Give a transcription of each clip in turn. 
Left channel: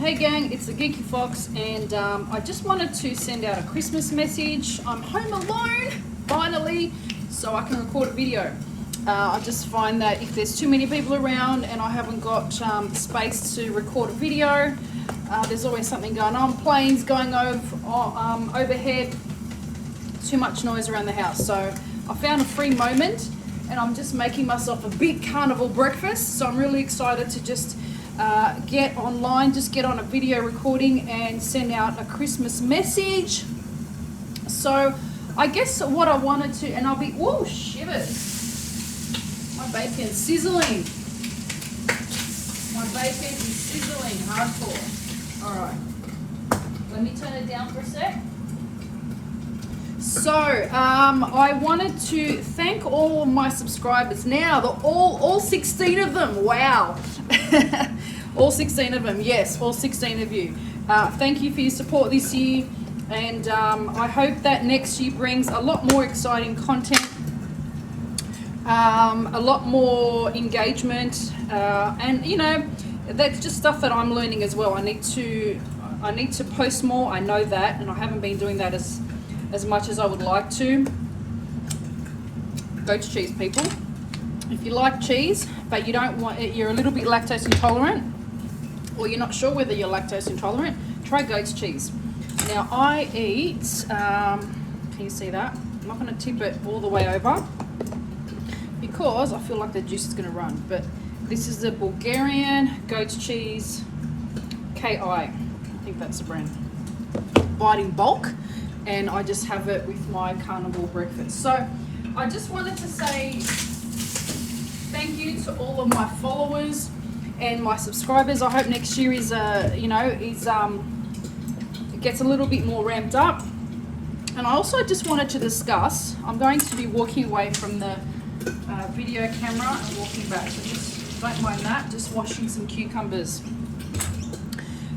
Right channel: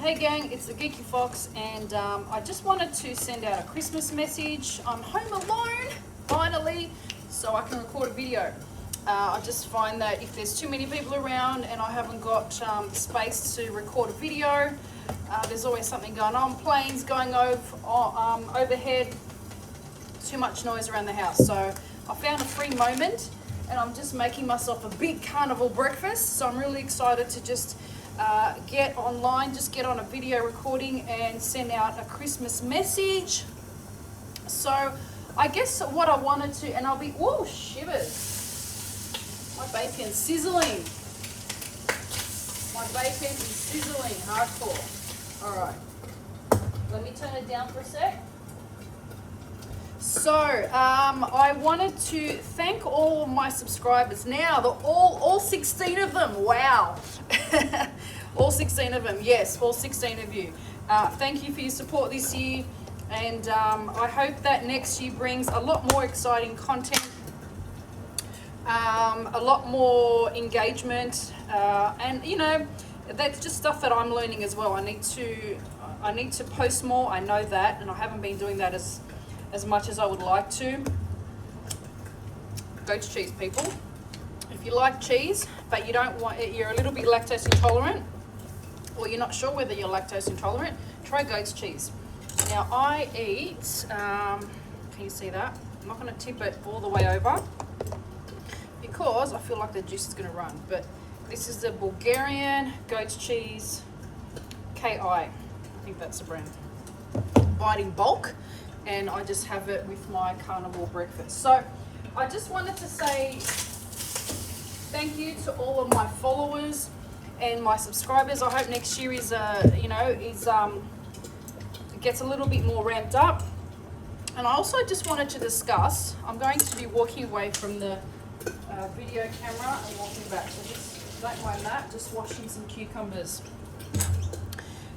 Hey gang, it's the Geeky Fox, and I just wanted to send out a Christmas message. I'm home alone, finally, so I can record a video. I just find that if there's too many people around and I haven't got the space to record a video, there's always something going on, planes going overhead, too much noise around the house. So I found a free moment and I'm just making myself a big carnival breakfast. So I'm really excited to just get online, just get on a video recording and send out a Christmas message. So I guess what I wanted to, and I'll be, oh shivers, my bacon's sizzling. My bacon is sizzling hardcore. All right, let me turn it down for a sec. So I wanted to thank all my subscribers now, all 16 of them. Wow. All 16 of them, yes, all 16 of you. Thank you for your support this year, and I hope that next year brings a lot more exciting content, a lot more engagement, and you know, that's just stuff that I'm learning as well. I need to post more, I know that, and I haven't been doing that as much as I would like to. Goat's cheese, people. If you like cheese, but you don't want it, you're a little bit lactose intolerant, or you're not sure whether you're lactose intolerant, try goat's cheese. Now I eat, can you see that? I'm not going to tip it all the way over because I feel like the juice is going to run, but this is the Bulgarian goat's cheese KI. I think that's the brand. Buy it in bulk, and I just have it with my carnivore breakfast. So I just wanted to say thank you to all of my followers and my subscribers. I hope next year is it gets a little bit more ramped up. And I also just wanted to discuss, I'm going to be walking away from the video camera and walking back. Don't mind that, just washing some cucumbers.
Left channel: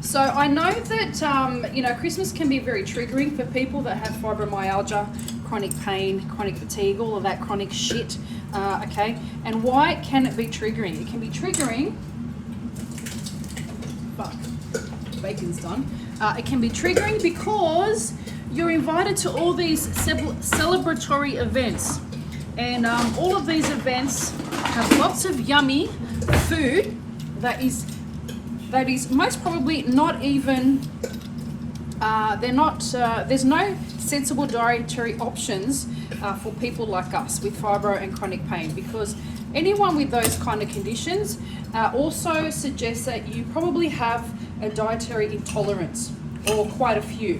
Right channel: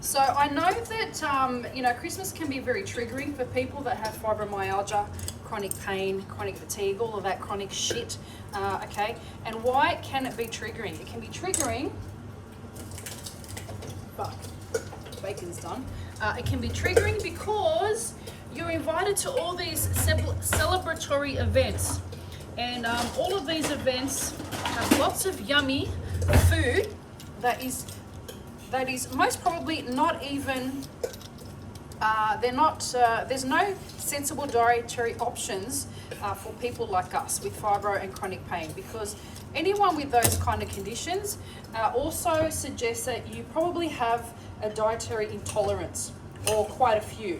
So I know that Christmas can be very triggering for people that have fibromyalgia, chronic pain, chronic fatigue, all of that chronic shit. Okay, and why can it be triggering? It can be triggering. Fuck, bacon's done. It can be triggering because you're invited to all these celebratory events, and all of these events have lots of yummy food that is most probably not even, there's no sensible dietary options for people like us with fibro and chronic pain, because anyone with those kind of conditions also suggests that you probably have a dietary intolerance, or quite a few.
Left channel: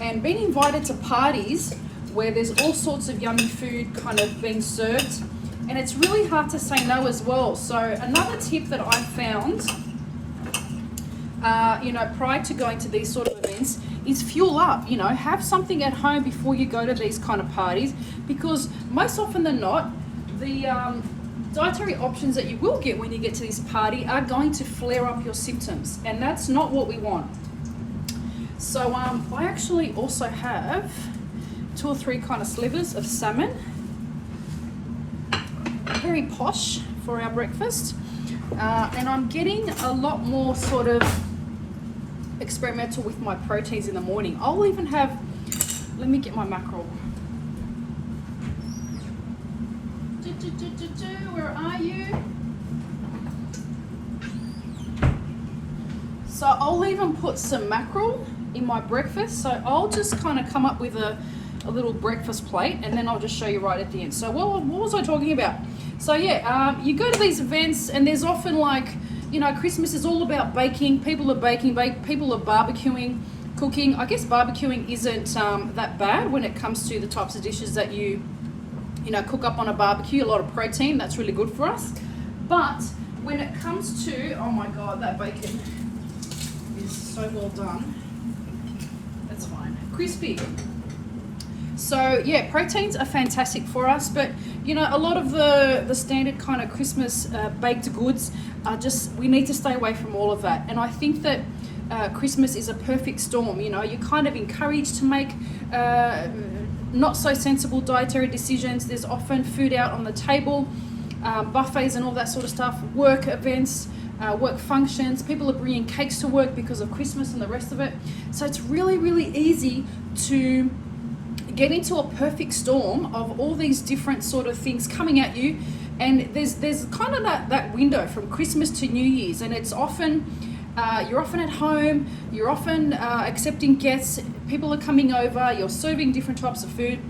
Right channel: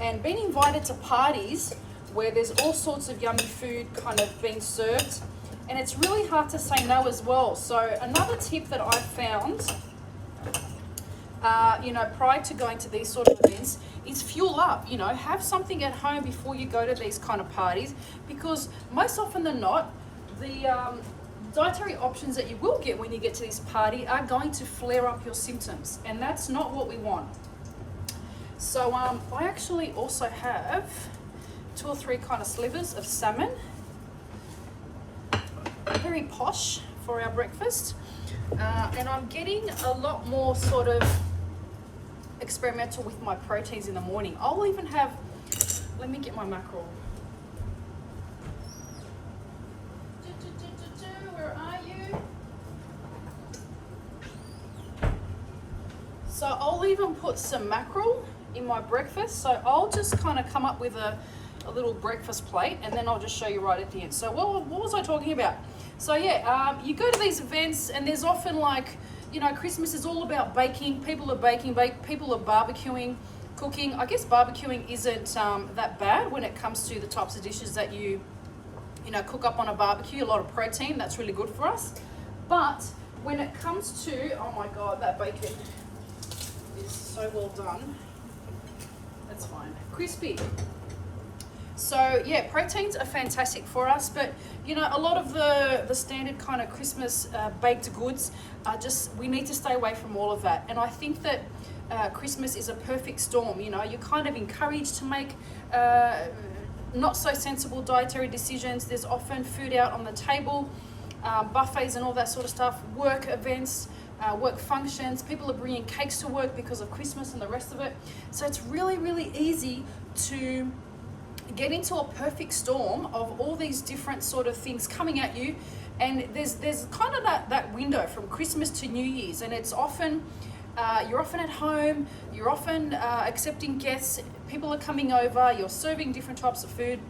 And being invited to parties where there's all sorts of yummy food kind of being served, and it's really hard to say no as well. So another tip that I've found, prior to going to these sort of events, is fuel up. Have something at home before you go to these kind of parties, because most often than not, the dietary options that you will get when you get to this party are going to flare up your symptoms, and that's not what we want. So I actually also have 2 or 3 kind of slivers of salmon. Very posh for our breakfast, and I'm getting a lot more sort of experimental with my proteins in the morning. I'll even have, let me get my mackerel. Where are you? So I'll even put some mackerel in my breakfast. So I'll just kind of come up with a little breakfast plate, and then I'll just show you right at the end. So what was I talking about? So yeah, you go to these events, and there's often Christmas is all about baking. People are baking, people are barbecuing, cooking. I guess barbecuing isn't that bad when it comes to the types of dishes that you cook up on a barbecue. A lot of protein, that's really good for us. But when it comes to, oh my God, that bacon is so well done. That's fine, crispy. So yeah, proteins are fantastic for us, but a lot of the standard kind of Christmas baked goods are just, we need to stay away from all of that. And I think that Christmas is a perfect storm. You're kind of encouraged to make not so sensible dietary decisions. There's often food out on the table, buffets and all that sort of stuff, work events, work functions. People are bringing cakes to work because of Christmas and the rest of it. So it's really, really easy to get into a perfect storm of all these different sort of things coming at you. And there's kind of that window from Christmas to New Year's, and it's often you're often at home, you're often accepting guests, people are coming over, you're serving different types of food,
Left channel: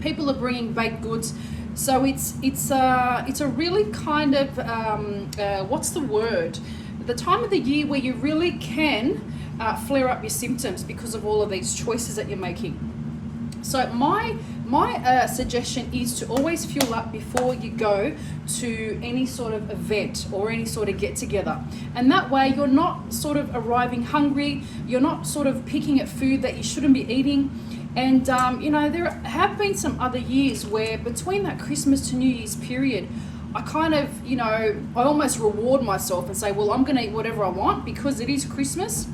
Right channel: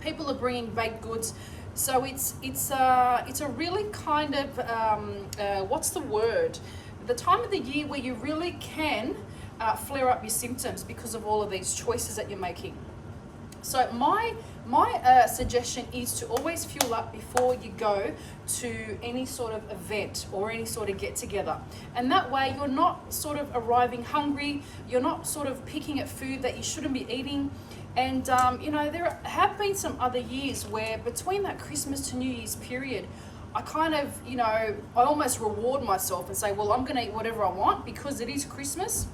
people are bringing baked goods. So it's a really kind of what's the word? The time of the year where you really can flare up your symptoms because of all of these choices that you're making. So my suggestion is to always fuel up before you go to any sort of event or any sort of get together, and that way you're not sort of arriving hungry, you're not sort of picking at food that you shouldn't be eating. And you know, there have been some other years where between that Christmas to New Year's period, I kind of, you know, I almost reward myself and say, well, I'm going to eat whatever I want because it is Christmas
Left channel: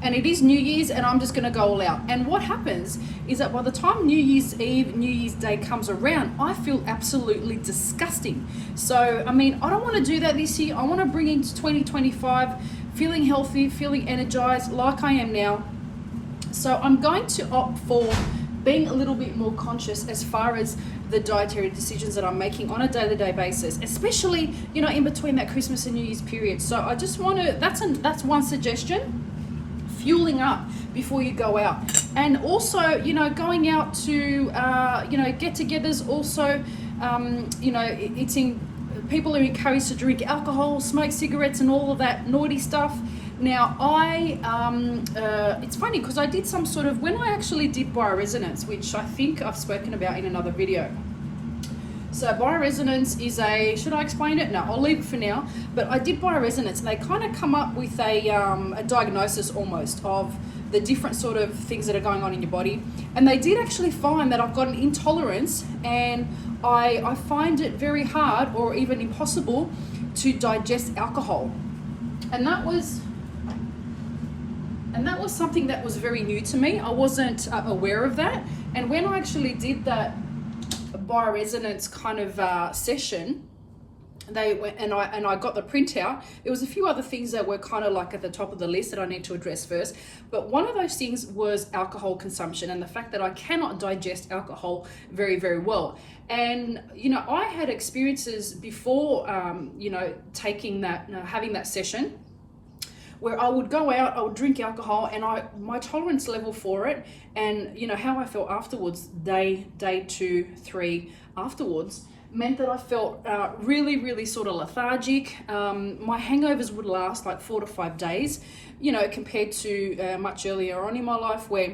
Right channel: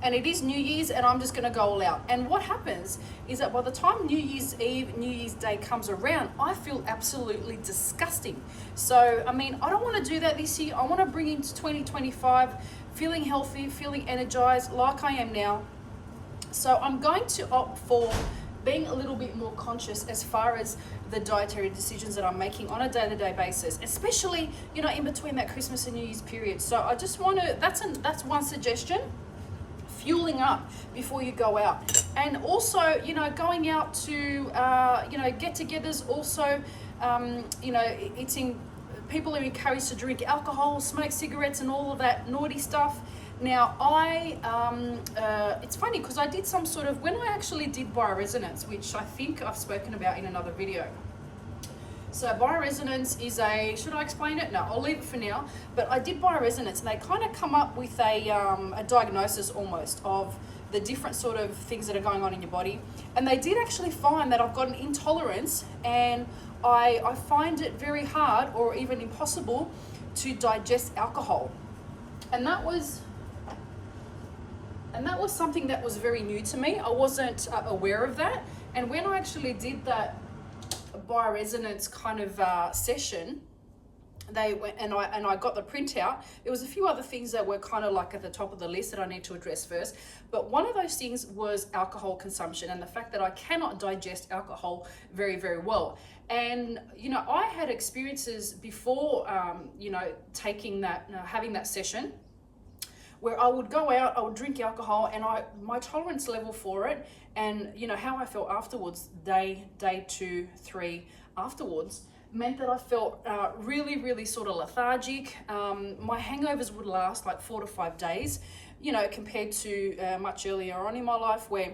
and it is New Year's, and I'm just going to go all out. And what happens is that by the time New Year's Eve, New Year's Day comes around, I feel absolutely disgusting. So, I mean, I don't want to do that this year. I want to bring into 2025 feeling healthy, feeling energized like I am now. So I'm going to opt for being a little bit more conscious as far as the dietary decisions that I'm making on a day-to-day basis, especially, you know, in between that Christmas and New Year's period. So I just want to, that's one suggestion. Fueling up before you go out, and also, you know, going out to you know, get-togethers. Also, you know, people are encouraged to drink alcohol, smoke cigarettes, and all of that naughty stuff. Now, it's funny because I did some sort of, when I actually did bioresonance, which I think I've spoken about in another video. So bioresonance is should I explain it? No, I'll leave it for now. But I did bioresonance, and they kind of come up with a diagnosis almost of the different sort of things that are going on in your body. And they did actually find that I've got an intolerance, and I find it very hard or even impossible to digest alcohol. And that was something that was very new to me. I wasn't aware of that. And when I actually did that bioresonance kind of session, they went and I got the printout. There was a few other things that were kind of like at the top of the list that I need to address first, but one of those things was alcohol consumption and the fact that I cannot digest alcohol very, very well. And you know, I had experiences before you know, taking that, having that session, where I would go out, I would drink alcohol, and my tolerance level for it, and you know how I felt afterwards, day 2, 3 afterwards, meant that I felt really, really sort of lethargic. My hangovers would last like 4 to 5 days, you know, compared to much earlier on in my life where,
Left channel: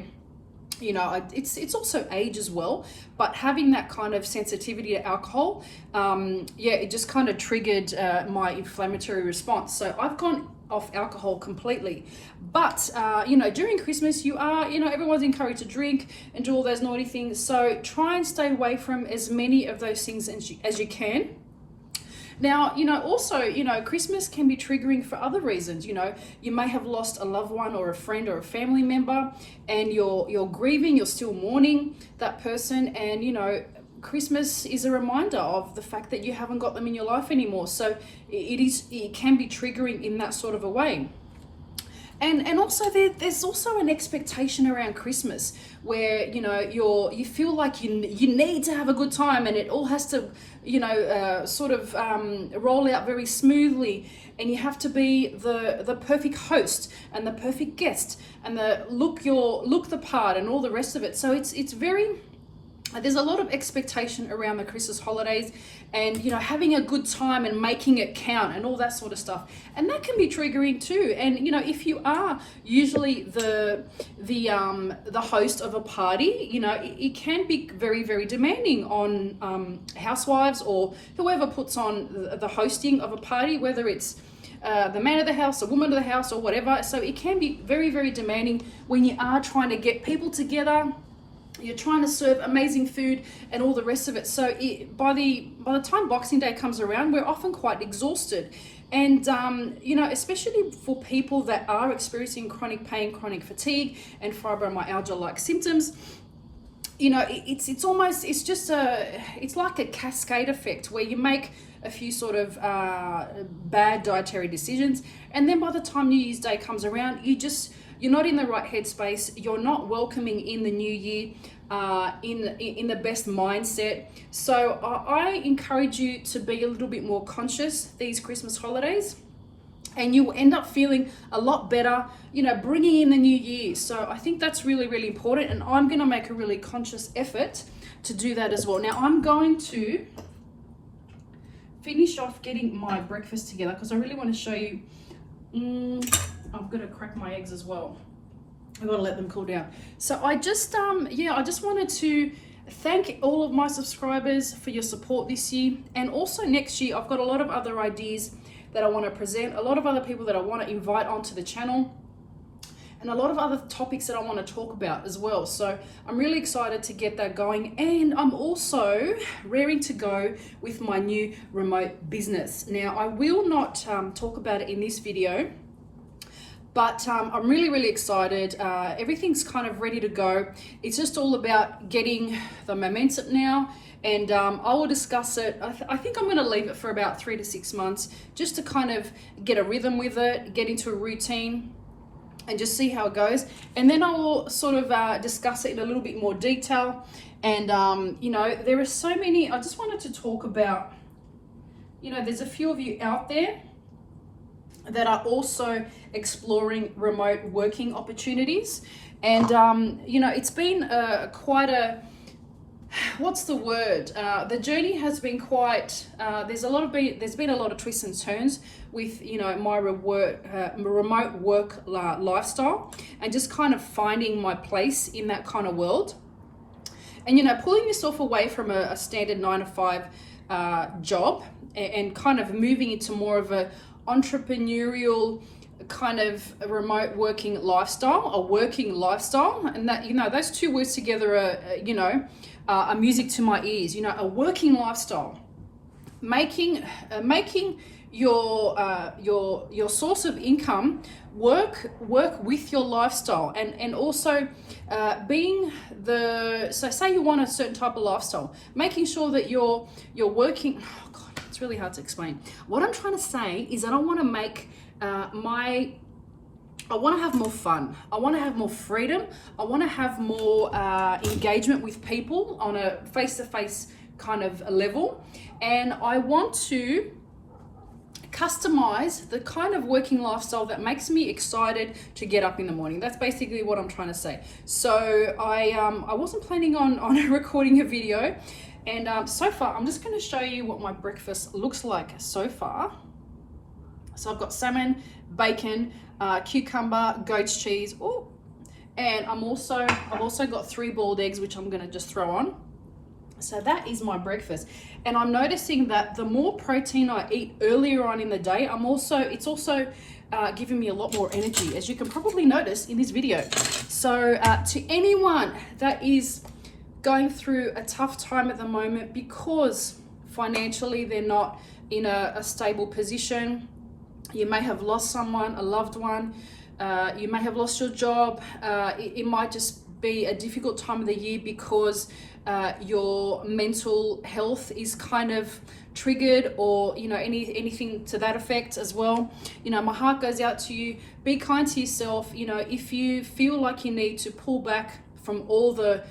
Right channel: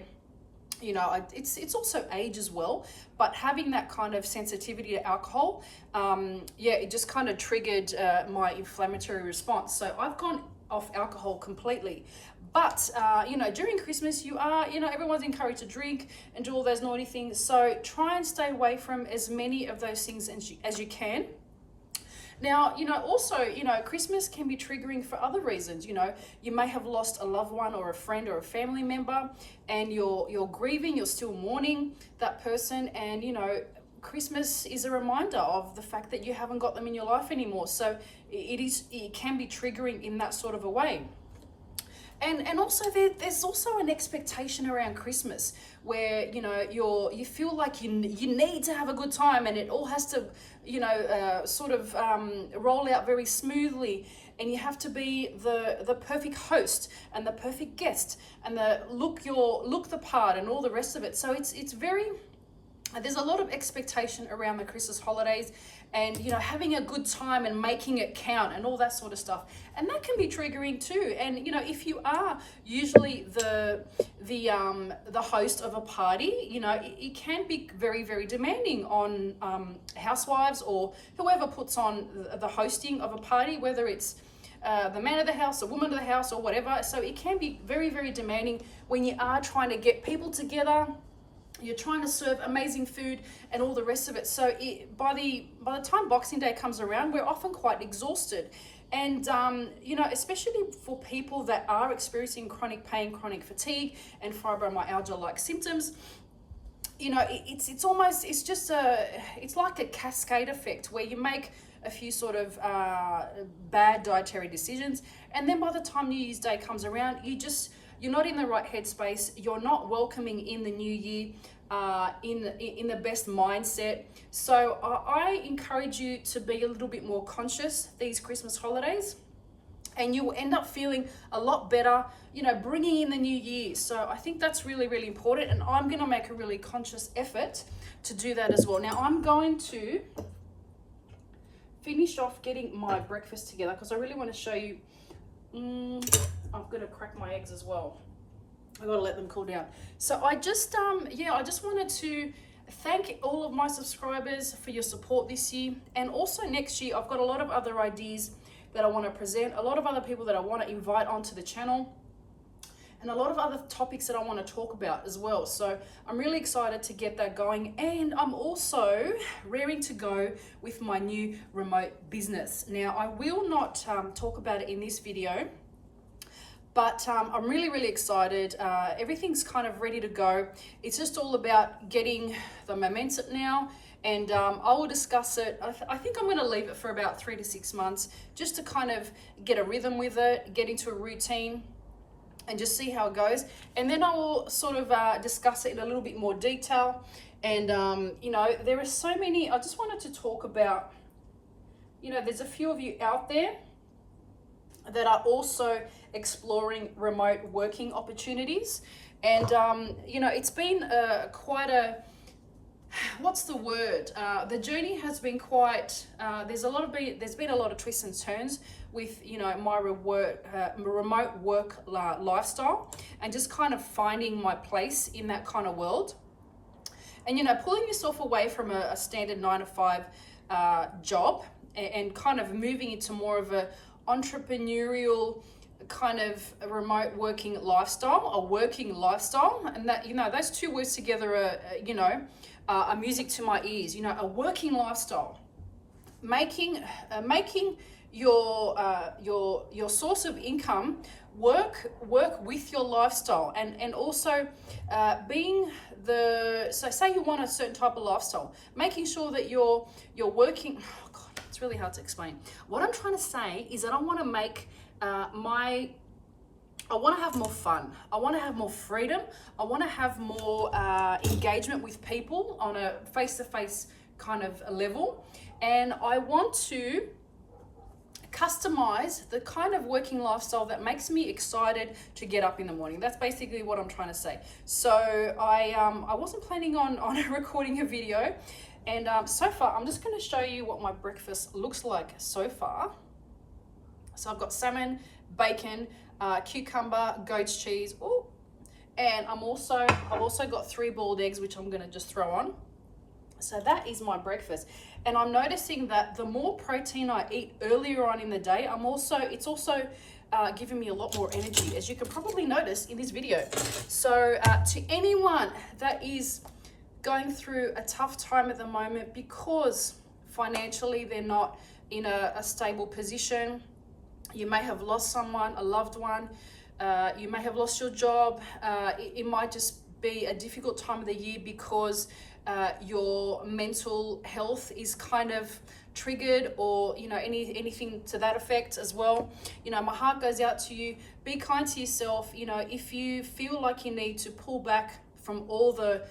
you know, it's also age as well, but having that kind of sensitivity to alcohol, yeah, it just kind of triggered my inflammatory response. So I've gone off alcohol completely. But you know, during Christmas, you know, everyone's encouraged to drink and do all those naughty things. So try and stay away from as many of those things as you can. Now, you know, also, you know, Christmas can be triggering for other reasons. You know, you may have lost a loved one or a friend or a family member, and you're grieving, you're still mourning that person, and you know, Christmas is a reminder of the fact that you haven't got them in your life anymore. So it can be triggering in that sort of a way. And also there's also an expectation around Christmas where, you know, you feel like you need to have a good time, and it all has to, you know, sort of roll out very smoothly, and you have to be the perfect host and the perfect guest and look the part and all the rest of it. So it's very, there's a lot of expectation around the Christmas holidays, and you know, having a good time and making it count and all that sort of stuff, and that can be triggering too. And you know, if you are usually the host of a party, you know, it can be very, very demanding on housewives or whoever puts on the hosting of a party, whether it's the man of the house, the woman of the house, or whatever. So it can be very, very demanding when you are trying to get people together. You're trying to serve amazing food and all the rest of it. So by the time Boxing Day comes around, we're often quite exhausted. And, you know, especially for people that are experiencing chronic pain, chronic fatigue, and fibromyalgia-like symptoms, you know, it's like a cascade effect where you make a few sort of bad dietary decisions, and then by the time New Year's Day comes around, you're not in the right headspace. You're not welcoming in the new year in the best mindset. So I encourage you to be a little bit more conscious these Christmas holidays, and you will end up feeling a lot better, you know, bringing in the new year. So I think that's really, really important, and I'm going to make a really conscious effort to do that as well. Now I'm going to finish off getting my breakfast together because I really want to show you. I've got to crack my eggs as well. I've got to let them cool down. So I just I just wanted to thank all of my subscribers for your support this year, and also next year I've got a lot of other ideas that I want to present, a lot of other people that I want to invite onto the channel, and a lot of other topics that I want to talk about as well. So I'm really excited to get that going, and I'm also raring to go with my new remote business. Now I will not talk about it in this video, but I'm really, really excited. Everything's kind of ready to go. It's just all about getting the momentum now, and I will discuss it. I think I'm going to leave it for about 3 to 6 months just to kind of get a rhythm with it, get into a routine, and just see how it goes. And then I will sort of discuss it in a little bit more detail. And you know, there are so many. I just wanted to talk about, you know, there's a few of you out there that are also exploring remote working opportunities, and you know, it's been quite a, what's the word, the journey has been quite there's been a lot of twists and turns with, you know, my remote work lifestyle, and just kind of finding my place in that kind of world, and, you know, pulling yourself away from a standard 9-to-5 job and kind of moving into more of a entrepreneurial kind of a remote working lifestyle, a working lifestyle. And that, you know, those two words together are, you know, are music to my ears. You know, a working lifestyle, making your source of income work with your lifestyle, and also being so say you want a certain type of lifestyle, making sure that you're working. Oh God, it's really hard to explain. What I'm trying to say is that I want to make I want to have more fun. I want to have more freedom. I want to have more engagement with people on a face-to-face kind of level. And I want to customize the kind of working lifestyle that makes me excited to get up in the morning. That's basically what I'm trying to say. So I wasn't planning on recording a video. And so far, I'm just going to show you what my breakfast looks like so far. So I've got salmon, bacon, cucumber, goat's cheese, and I've also got 3 boiled eggs, which I'm going to just throw on. So that is my breakfast. And I'm noticing that the more protein I eat earlier on in the day, it's also giving me a lot more energy, as you can probably notice in this video. So to anyone that is going through a tough time at the moment because financially they're not in a stable position, you may have lost someone, a loved one, you may have lost your job, it might just be a difficult time of the year because your mental health is kind of triggered, or, you know, anything to that effect as well. You know, my heart goes out to you. Be kind to yourself. You know, if you feel like you need to pull back from all the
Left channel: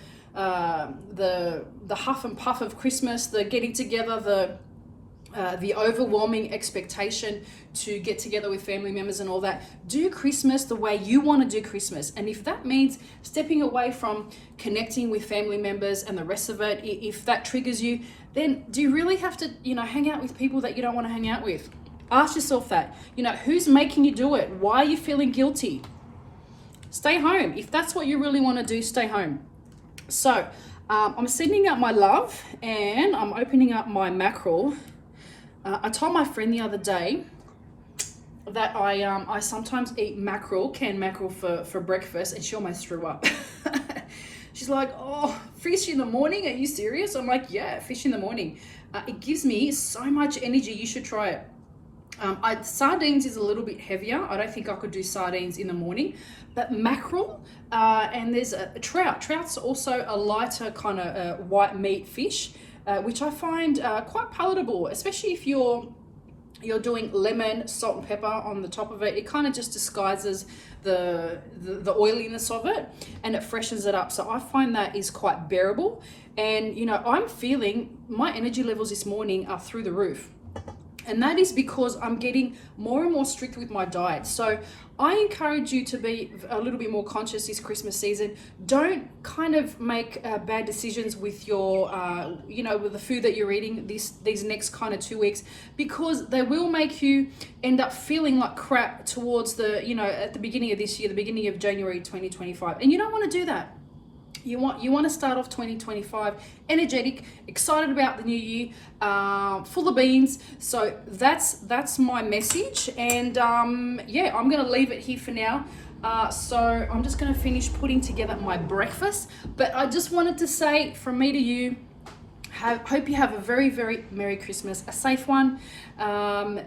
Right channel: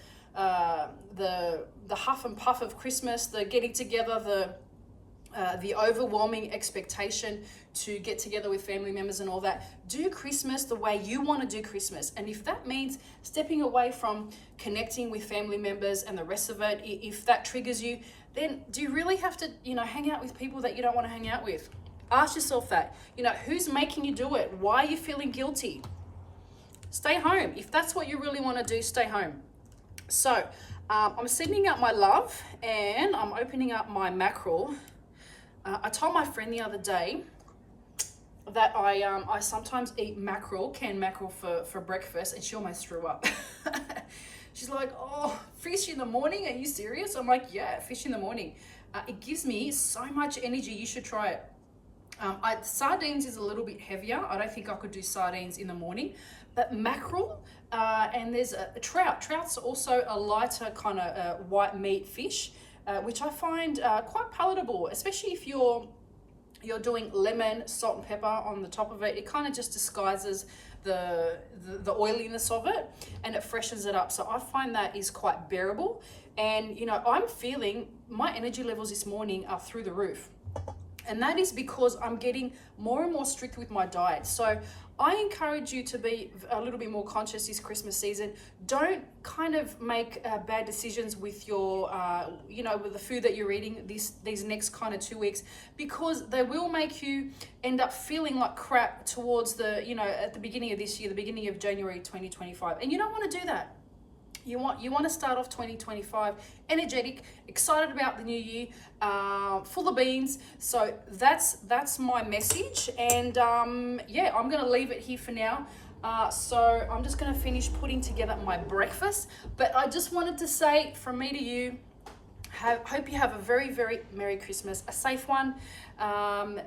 huff and puff of Christmas, the getting together, the overwhelming expectation to get together with family members and all that, do Christmas the way you want to do Christmas. And if that means stepping away from connecting with family members and the rest of it, if that triggers you, then do you really have to, you know, hang out with people that you don't want to hang out with? Ask yourself that. You know, who's making you do it? Why are you feeling guilty? Stay home. If that's what you really want to do, stay home. So I'm sending out my love, and I'm opening up my mackerel. I told my friend the other day that I sometimes eat canned mackerel for breakfast, and she almost threw up. She's like, "Oh, fish in the morning? Are you serious?" I'm like, "Yeah, fish in the morning. It gives me so much energy. You should try it." Sardines is a little bit heavier. I don't think I could do sardines in the morning, but mackerel, and there's a trout. Trout's also a lighter kind of white meat fish. which I find quite palatable, especially if you're doing lemon, salt and pepper on the top of it. It kind of just disguises the oiliness of it, and it freshens it up. So I find that is quite bearable. And you know, I'm feeling my energy levels this morning are through the roof. And that is because I'm getting more and more strict with my diet. So I encourage you to be a little bit more conscious this Christmas season. Don't kind of make bad decisions with your, you know, with the food that you're eating these next kind of 2 weeks, because they will make you end up feeling like crap towards the, you know, at the beginning of this year, the beginning of January 2025. And you don't want to do that. You want to start off 2025 energetic, excited about the new year, full of beans. So that's my message. And yeah, I'm gonna leave it here for now. So I'm just gonna finish putting together my breakfast. But I just wanted to say from me to you, hope you have a very, very Merry Christmas, a safe one.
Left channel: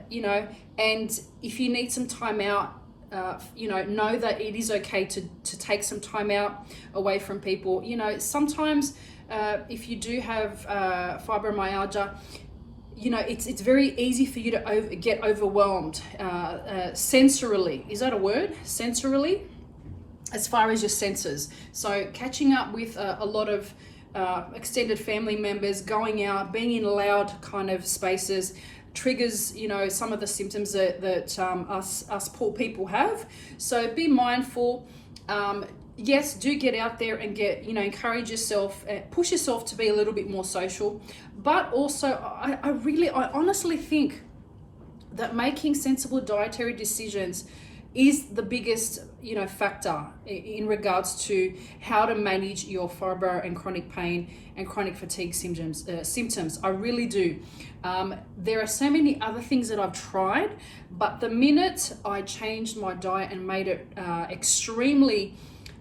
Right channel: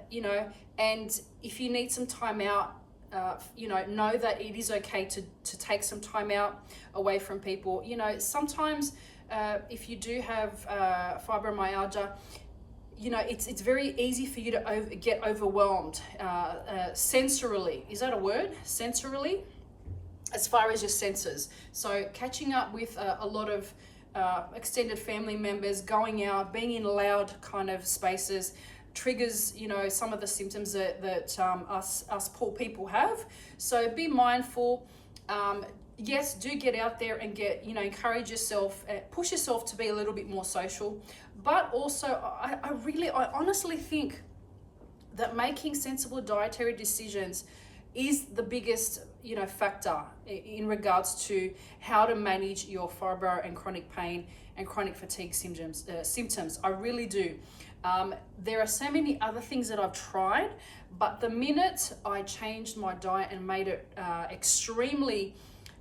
You know, and if you need some time out, you know that it is okay to take some time out away from people. You know, sometimes if you do have fibromyalgia, you know, it's very easy for you to get overwhelmed sensorily. Is that a word? Sensorily, as far as your senses. So catching up with a lot of extended family members, going out, being in loud kind of spaces, triggers, you know, some of the symptoms that us poor people have. So be mindful. Yes, do get out there and encourage yourself, push yourself to be a little bit more social. But also, I honestly think that making sensible dietary decisions is the biggest, you know, factor in regards to how to manage your fibro and chronic pain and chronic fatigue symptoms. I really do. There are so many other things that I've tried, but the minute I changed my diet and made it extremely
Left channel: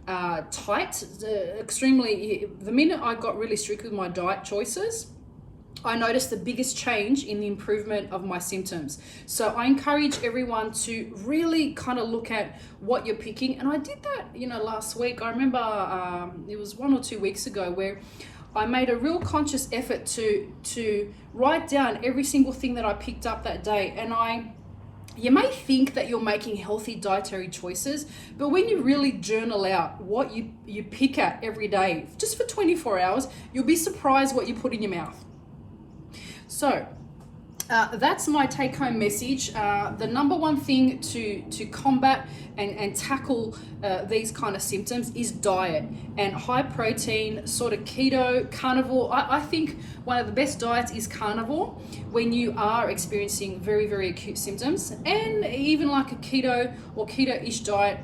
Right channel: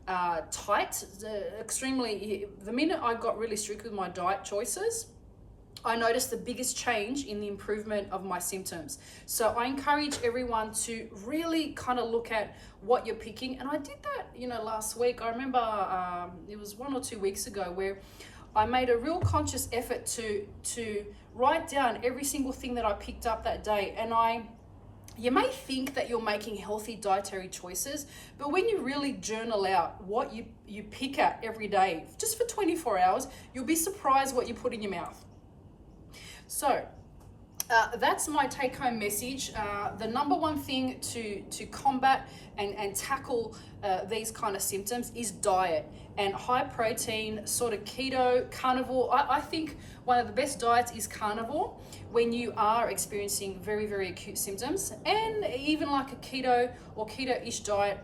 tight, the minute I got really strict with my diet choices, I noticed the biggest change in the improvement of my symptoms. So I encourage everyone to really kind of look at what you're picking. And I did that, you know, last week. I remember it was 1 or 2 weeks ago where I made a real conscious effort to write down every single thing that I picked up that day. And you may think that you're making healthy dietary choices, but when you really journal out what you pick at every day, just for 24 hours, you'll be surprised what you put in your mouth. So that's my take-home message. The number one thing to combat and tackle these kind of symptoms is diet, and high protein, sort of keto, carnivore. I think one of the best diets is carnivore when you are experiencing very, very acute symptoms, and even like a keto or keto-ish diet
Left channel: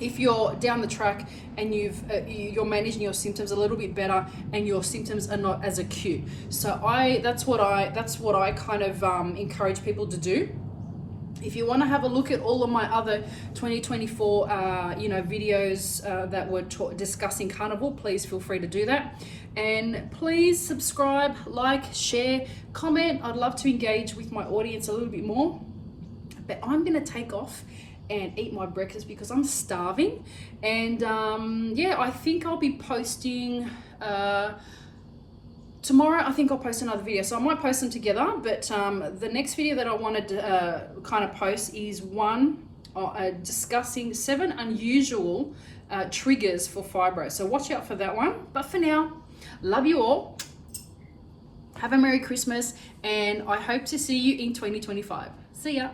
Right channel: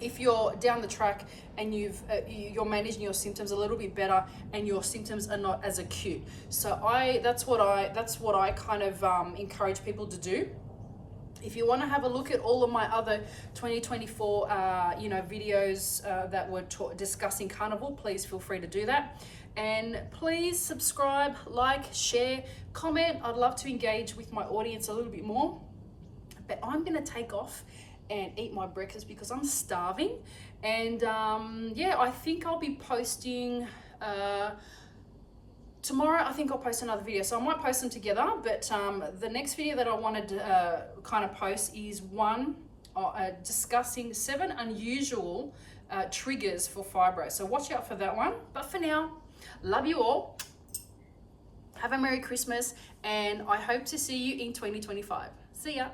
if you're down the track and you're managing your symptoms a little bit better and your symptoms are not as acute. So that's what I kind of encourage people to do. If you want to have a look at all of my other 2024 videos that were discussing carnivore, please feel free to do that. And please subscribe, like, share, comment. I'd love to engage with my audience a little bit more. But I'm going to take off and eat my breakfast because I'm starving. And yeah, I think I'll be posting tomorrow. I think I'll post another video, so I might post them together. But the next video that I wanted to kind of post is one discussing 7 unusual triggers for fibro. So watch out for that one. But for now, love you all. Have a Merry Christmas, and I hope to see you in 2025. See ya.